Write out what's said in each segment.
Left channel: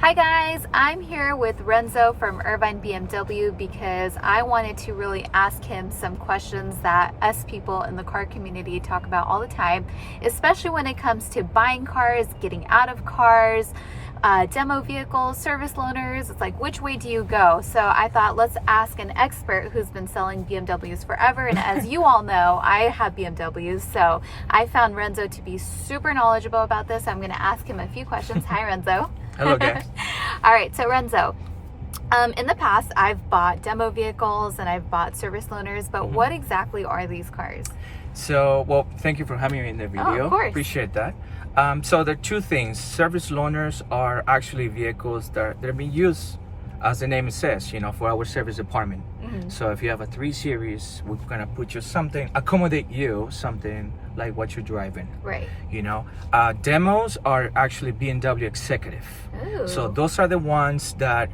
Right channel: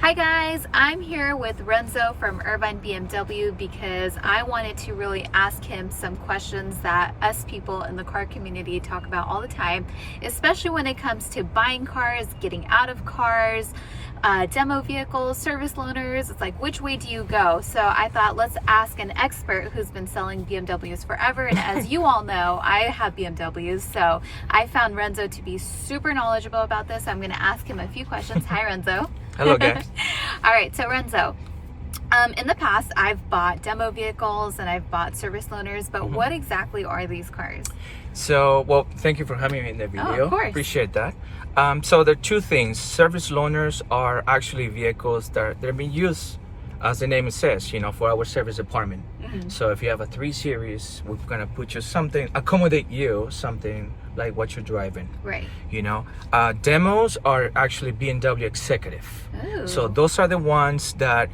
Hi guys, I'm here with Renzo from Irvine BMW because I wanted to really ask him some questions that us people in the car community talk about all the time, especially when it comes to buying cars, getting out of cars, demo vehicles, service loaners. It's like, which way do you go? So I thought, let's ask an expert who's been selling BMWs forever. And as you all know, I have BMWs. So I found Renzo to be super knowledgeable about this. I'm going to ask him a few questions. Hi, Renzo. Hello, guys. All right, so Renzo, in the past, I've bought demo vehicles and I've bought service loaners, but what exactly are these cars? So, well, thank you for having me in the video. Of course. Appreciate that. So there are two things. Service loaners are actually vehicles that they're being used, as the name says, for our service department. So if you have a 3 Series, we're gonna put you something, accommodate you something like what you're driving. Right. Demos are actually BMW executive. Ooh. So those are the ones that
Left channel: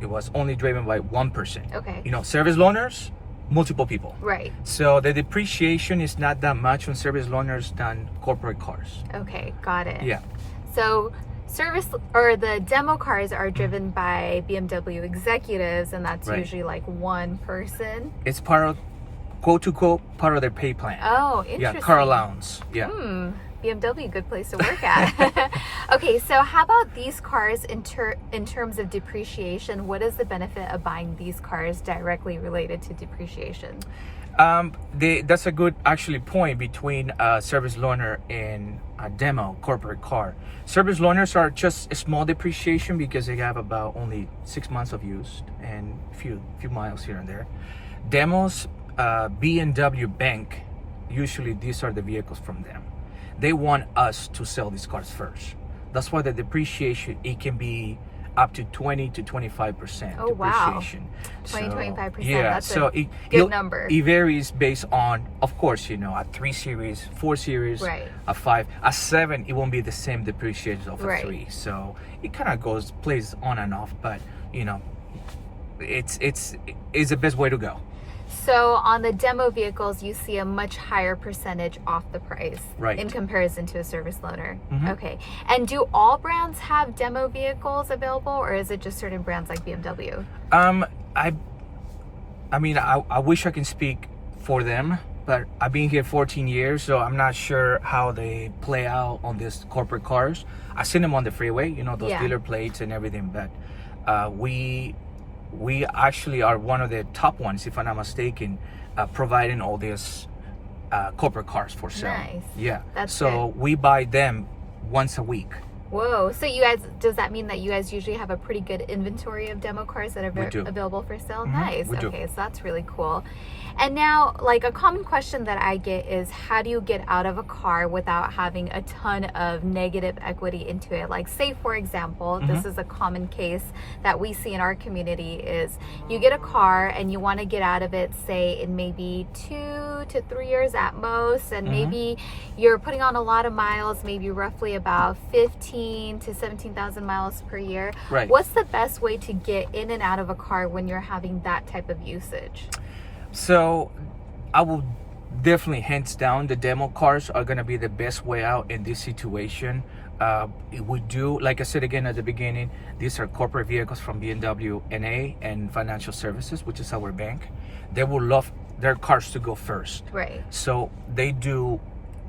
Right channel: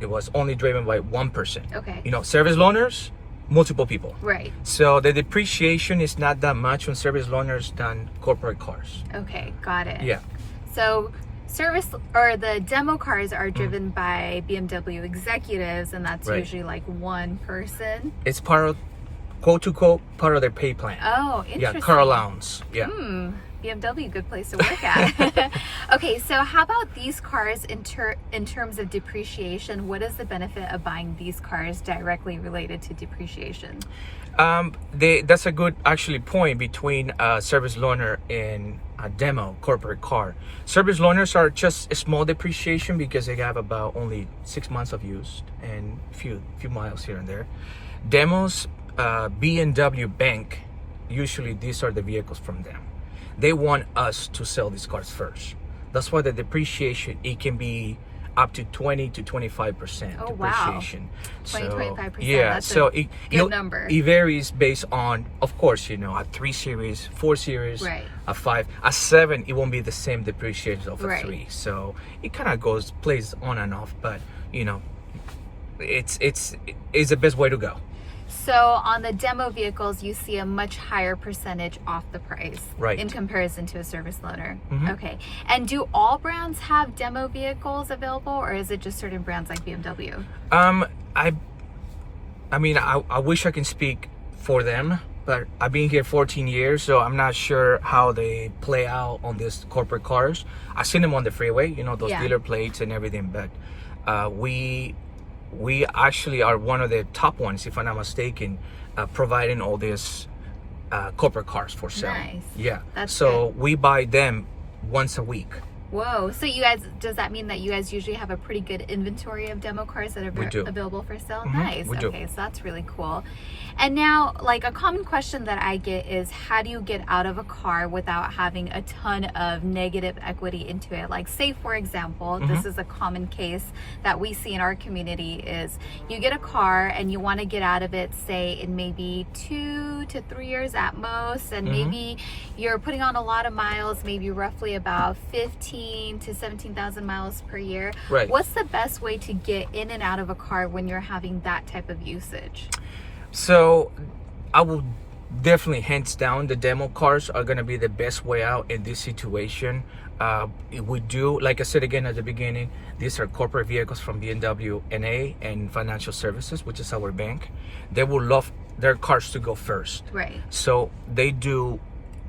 it was only driven by one person. Okay. Service loaners, multiple people. Right. So the depreciation is not that much on service loaners than corporate cars. Okay, got it. Yeah. So the demo cars are driven by BMW executives, and that's Right. usually like one person. It's part of, quote to quote, part of their pay plan. Oh, interesting. Yeah, car allowance. Yeah. BMW, good place to work at. Okay, so how about these cars in terms of depreciation? What is the benefit of buying these cars directly related to depreciation? That's a good actually point between a service loaner and a demo corporate car. Service loaners are just a small depreciation because they have about only 6 months of use and few miles here and there. Demos, BMW Bank, usually these are the vehicles from them. They want us to sell these cars first. That's why the depreciation, it can be up to 20 to 25% Oh, wow. depreciation. 20-25%, Yeah, that's so a good number. It varies based on, of course, a 3 Series, 4 Series, Right. a 5, a 7, it won't be the same depreciation of a Right. 3. So it kind of plays on and off, but it's the best way to go. So on the demo vehicles, you see a much higher percentage off the price, Right. in comparison to a service loaner. Okay. And do all brands have demo vehicles available, or is it just certain brands like BMW? I wish I can speak for them, but I've been here 14 years, so I'm not sure how they play out on these corporate cars. I've seen them on the freeway, those Yeah. dealer plates and everything, but we actually are one of the top ones, if I'm not mistaken, providing all these corporate cars for sale. Nice. Yeah. That's so we buy them once a week. Whoa. So you guys, does that mean that you guys usually have a pretty good inventory of demo cars that are We do. available for sale? Nice. we do. Okay, so that's really cool. And now, like, a common question that I get is, how do you get out of a car without having a ton of negative equity into it? Like, say, for example, this is a common case that we see in our community is you get a car and you want to get out of it, say, in maybe 2 to 3 years at most, and maybe you're putting on a lot of miles, maybe roughly about 15 to 17,000 miles per year. Right. What's the best way to get in and out of a car when you're having that type of usage? So I will definitely, hands down, the demo cars are going to be the best way out in this situation. We do, like I said again at the beginning, these are corporate vehicles from BMW NA and Financial Services, which is our bank. They will love their cars to go first. Right. So they do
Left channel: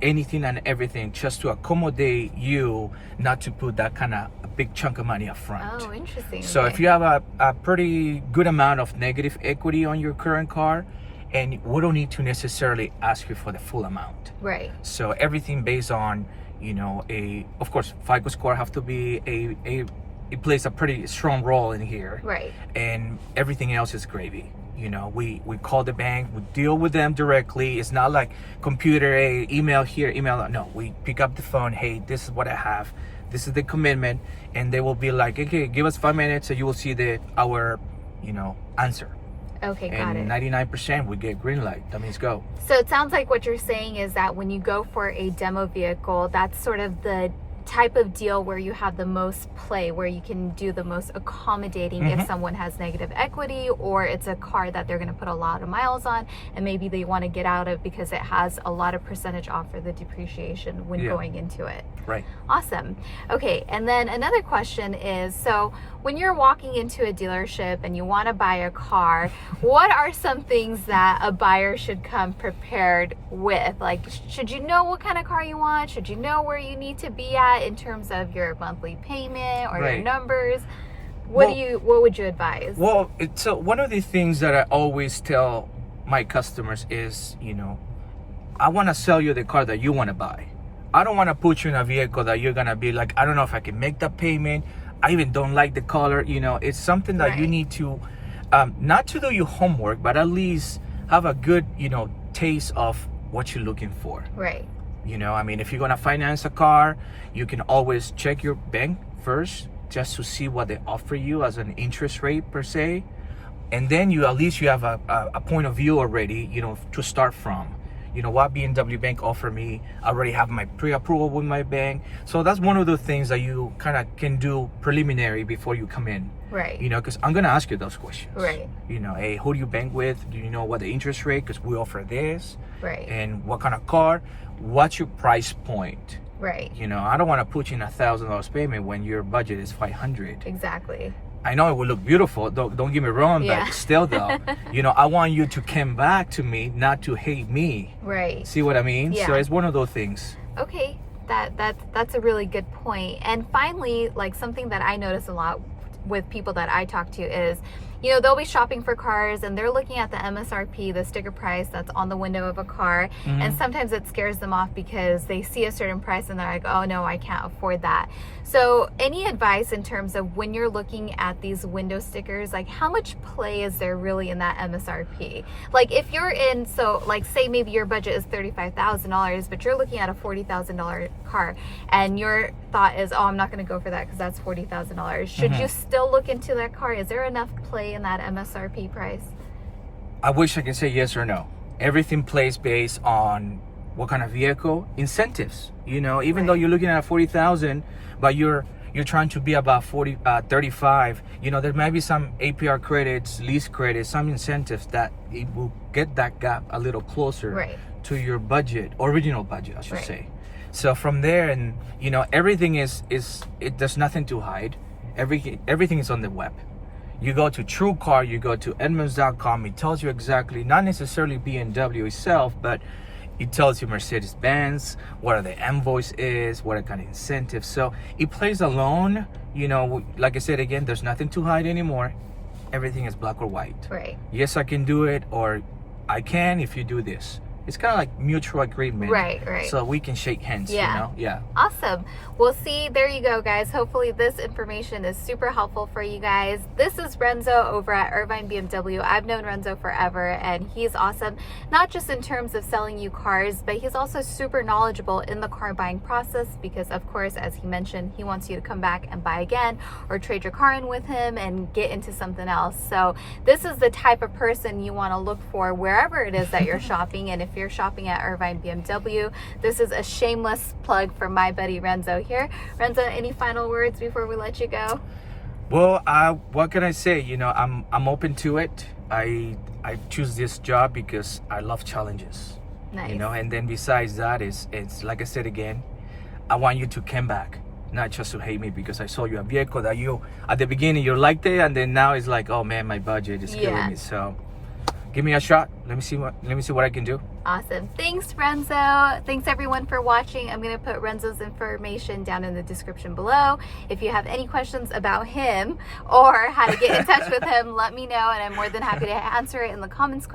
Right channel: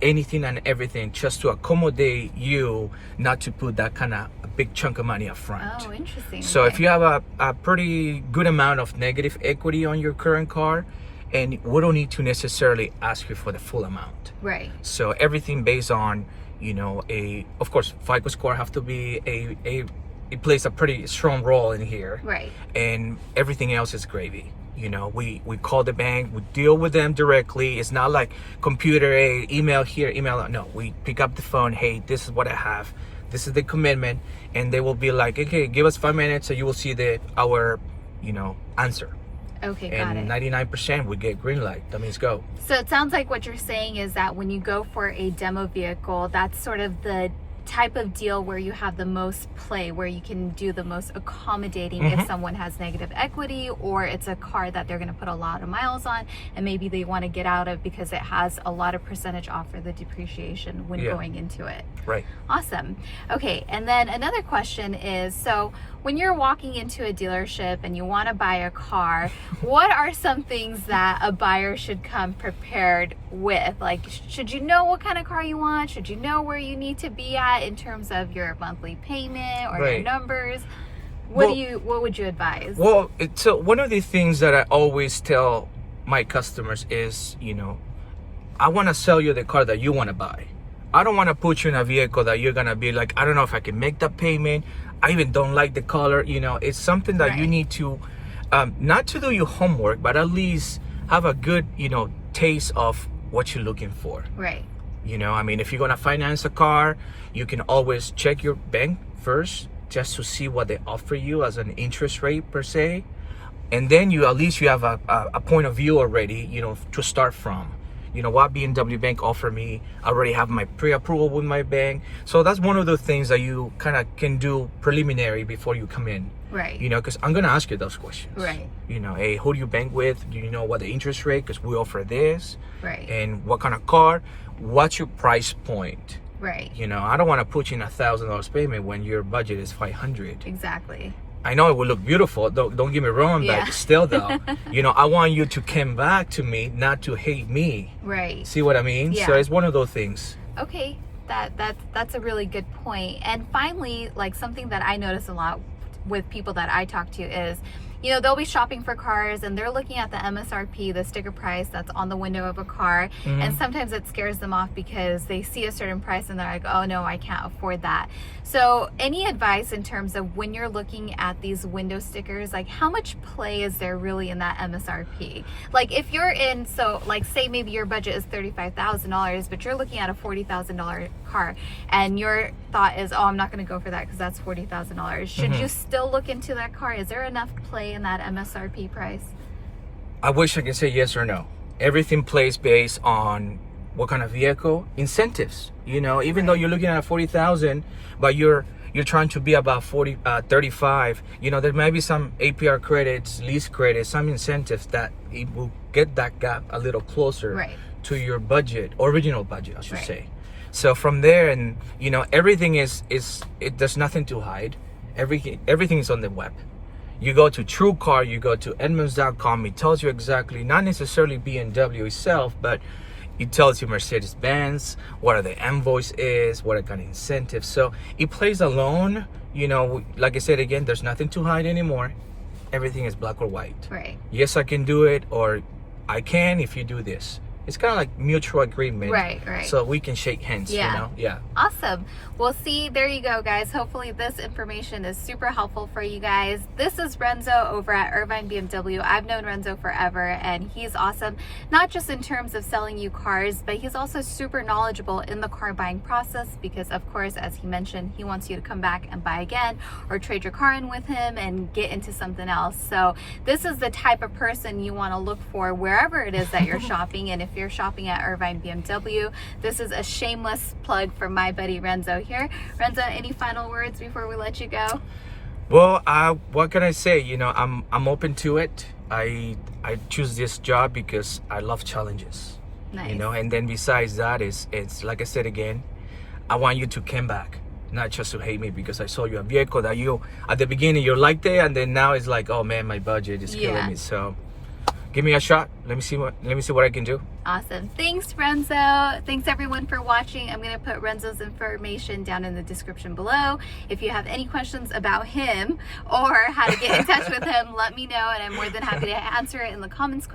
anything and everything just to accommodate you, not to put that kind of a big chunk of money up front. Oh, interesting. So Okay. if you have a pretty good amount of negative equity on your current car, and we don't need to necessarily ask you for the full amount. Right. So everything based on, of course, FICO score have to be it plays a pretty strong role in here. Right. And everything else is gravy. We call the bank, we deal with them directly. It's not like computer, email here, email there. No, we pick up the phone. Hey, this is what I have. This is the commitment, and they will be like, okay, give us 5 minutes, so you will see our answer. Okay, got And it. 99% we get green light. That means go. So it sounds like what you're saying is that when you go for a demo vehicle, that's sort of the type of deal where you have the most play, where you can do the most accommodating if someone has negative equity, or it's a car that they're going to put a lot of miles on and maybe they want to get out of because it has a lot of percentage off for the depreciation when going into it. Right. Awesome. Okay, and then another question is, so when you're walking into a dealership and you want to buy a car, what are some things that a buyer should come prepared with? Like, should you know what kind of car you want? Should you know where you need to be at in terms of your monthly payment or your numbers? What would you advise? Well, so one of the things that I always tell my customers is, I want to sell you the car that you want to buy. I don't want to put you in a vehicle that you're going to be like, I don't know if I can make the payment. I even don't like the color. It's something that you need to, not to do your homework, but at least have a good, taste of what you're looking for. Right. If you're going to finance a car, you can always check your bank first just to see what they offer you as an interest rate per se. And then you have a point of view already, to start from. What BMW bank offer me, I already have my pre-approval with my bank. So that's one of the things that you kind of can do preliminary before you come in. Right. Because I'm going to ask you those questions. Right. Hey, who do you bank with? Do you know what the interest rate? Because we offer this. Right. And what kind of car? What's your price point? Right. I don't want to put you in $1,000 payment when your budget is $500. Exactly. I know it will look beautiful, don't get me wrong, but still though, I want you to come back to me, not to hate me. Right. See what I mean? Yeah. So it's one of those things. Okay, that's a really good point. And finally, like something that I notice a lot with people that I talk to is, they'll be shopping for cars and they're looking at the MSRP, the sticker price that's on the window of a car. And sometimes it scares them off because they see a certain price and they're like, oh no, I can't afford that. So any advice in terms of when you're looking at these window stickers, like how much play is there really in that MSRP? Like if you're in, so like say maybe your budget is $35,000, but you're looking at a $40,000 car and your thought is, oh, I'm not going to go for that because that's $40,000. Should you still look into that car? Is there enough play in that MSRP price? I wish I could say yes or no. Everything plays based on what kind of vehicle, incentives. Even though you're looking at 40,000, but you're trying to be about 35. There might be some APR credits, lease credits, some incentives that it will get that gap a little closer to your budget, original budget, I should say. So from there, and everything there's nothing to hide. Everything is on the web. You go to TrueCar, you go to Edmunds.com, it tells you exactly, not necessarily BMW itself, but it tells you Mercedes-Benz, what are the invoice is, what are kind of incentives. So it plays alone, like I said again, there's nothing to hide anymore. Everything is black or white. Right. Yes, I can do it, or I can if you do this. It's kind of like mutual agreement. Right. So we can shake hands, Yeah. Awesome. Well, see, there you go, guys. Hopefully this information is super helpful for you guys. This is Renzo over at Irvine BMW. I've known Renzo forever, and he's awesome, not just in terms of selling you cars, but he's also super knowledgeable in the car buying process because, of course, as he mentioned, he wants you to come back and buy again or trade your car in with him and get into something else. So this is the type of person you want to look for wherever it is that you're shopping. And if you're shopping at Irvine BMW, this is a shameless plug for my buddy Renzo here. Renzo, any final words before we let you go? Well, what can I say? I'm open to it. I choose this job because I love challenges. Nice. And then besides that, it's like I said again, I want you to come back, not just to hate me because I sold you a vehicle that you at the beginning you liked it, and then now it's like, oh man, my budget is killing me. So give me a shot. Let me see what I can do. Awesome. Thanks, Renzo. Thanks everyone for watching. I'm going to put Renzo's information down in the description below. If you have any questions about him or how to get in touch with him, let me know, and I'm more than happy to answer it in the comments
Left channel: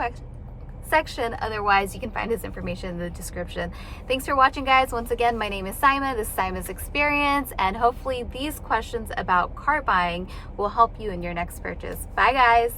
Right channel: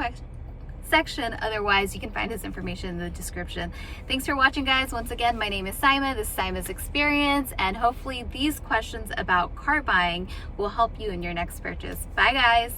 section. Otherwise, you can find his information in the description. Thanks for watching, guys. Once again, my name is Saimah. This is Saimah's Experience, and hopefully these questions about car buying will help you in your next purchase. Bye, guys.